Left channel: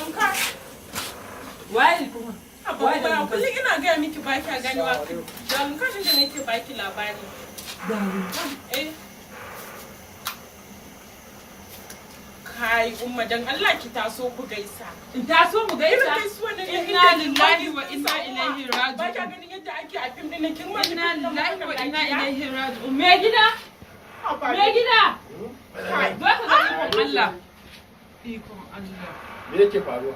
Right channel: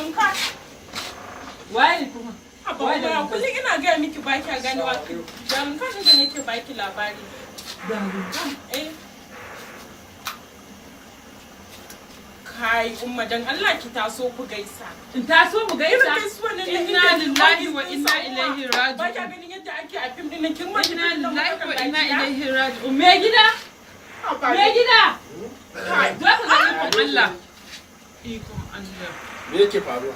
dalin ka. Waye kuma? Abubuwa kullum ina gaya miki ba kya ganewa. Dalin ka da nake baki labari. Dalin ka? Eh. Kai umma dan Allah ki taso ku gaisa. In taso mu gaisa? Irin gaisuwa ne Inna lillahi wa inna ilaihi raji'un. Ba kya ganin yadda ake a fim din kin ma Inna lillahi wa inna ilaihi raji'un. Me gida? Me gida? Kai, zo ka ga ikon Allah. Ikon Allah. Me yake faruwa?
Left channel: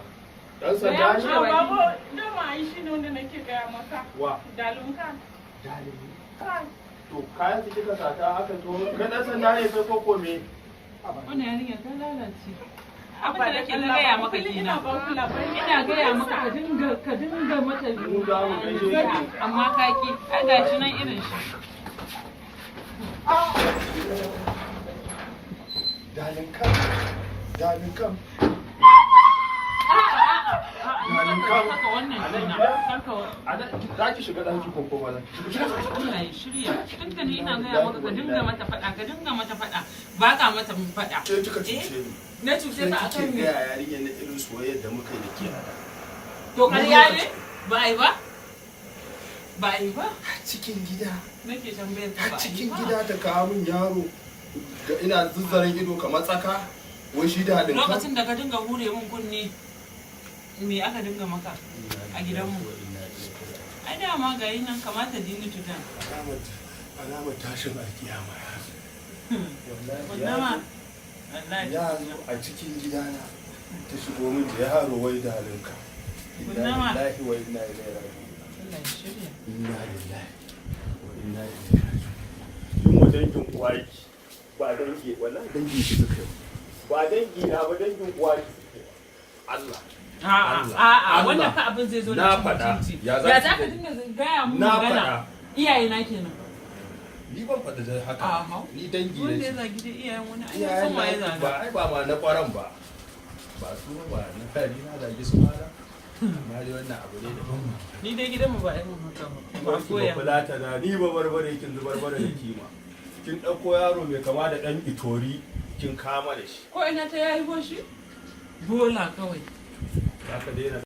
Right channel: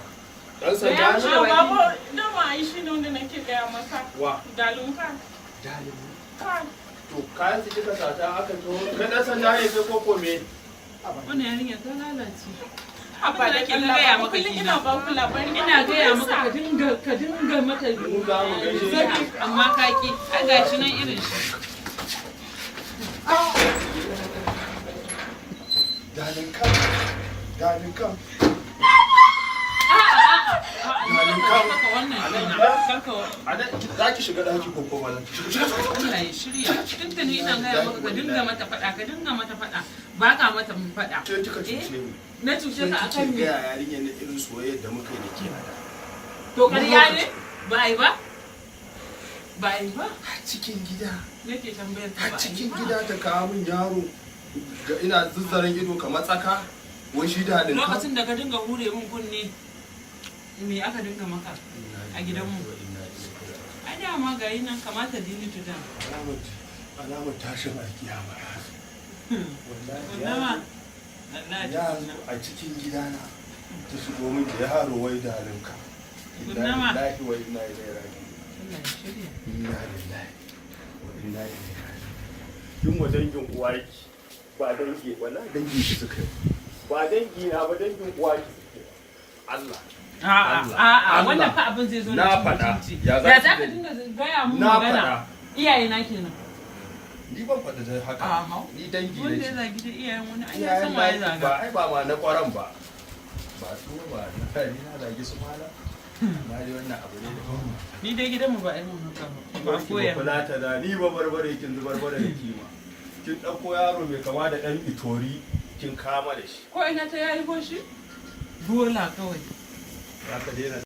Dan sanda ne? Babu, da ma ai shi ne wanda nake gaya maka. Wa? Dalin ka. Dalin. Kai. To kayan su kika sata aka to ka dan sanda ne kai koko me? Wannan yarinya ta lalace. Abba da kin gaya maka ina ba ku labari Ina gaya maka ka dinga mata Mu za mu gaishe ki. amma ka ki. Ai gashi nan irin shi. Dalin kam. Dalin kam. Dalin kam. Za ki shiga daki ko kuma za ki shiga? Allah ya shirya. Cikin ta ne ina gaya maka ka dinga mata faɗa, ka dinga mata faɗa. Ba ka mata mun faɗa. Ke kika cuce ni. Na cuce ka akan me? Kike ga yarinyar na irin soyayya da muka yi da ke hada. To ƙarya ne? Ba ai ba? Ba ai ba? A cikin gida. Nake tambayar ka ba A ai cikin ba? gida ta kawo min yaro. Ga ina zuzzarin ido kamar tsaka. Wai shi da haɗin kan. Lokacin da ka dinga hure min kunne me aka dinga maka a gidanmu? Ai dama ga yi nan kamata dini tudan. Alamar tashin alkiyama ya zo. Wannan Yaro a cikin gidana ta shigo min da yaro wai da halinka. Inna Kunnama. lillahi wa inna ilaihi raji'un. Allah ya shirya. Inna lillahi wa inna ilaihi raji'un. Kin wa dangin uwarki ba dangi wallahi dangin shi suka yi. Ba dangi na ba dangin uwarki suka yi. Allah. A'a wannan fa abin zai zo Na faɗa. Ya za ka dinga gaya mu Na magana? faɗa. Iyaye na kenan. Ni ban faɗa da haka. Ni dangi ne. Wanda ya zagi da iyayen wani ai ya san waye zaga. Ba ai ba ma na kwaran ba. Ba su ba na fari na zagi su mala. Na ji wannan abu ne da Ni dai gidanmu ba ai mun haka ba. Ba ba koya. kula ta da ni ba barbare kin zubar bara da kima. Kin ɗauko yaro mai kama da ɗan itori kin kama da shi. Ko ina ta yayi boshi? Bola kawai. Za ka daina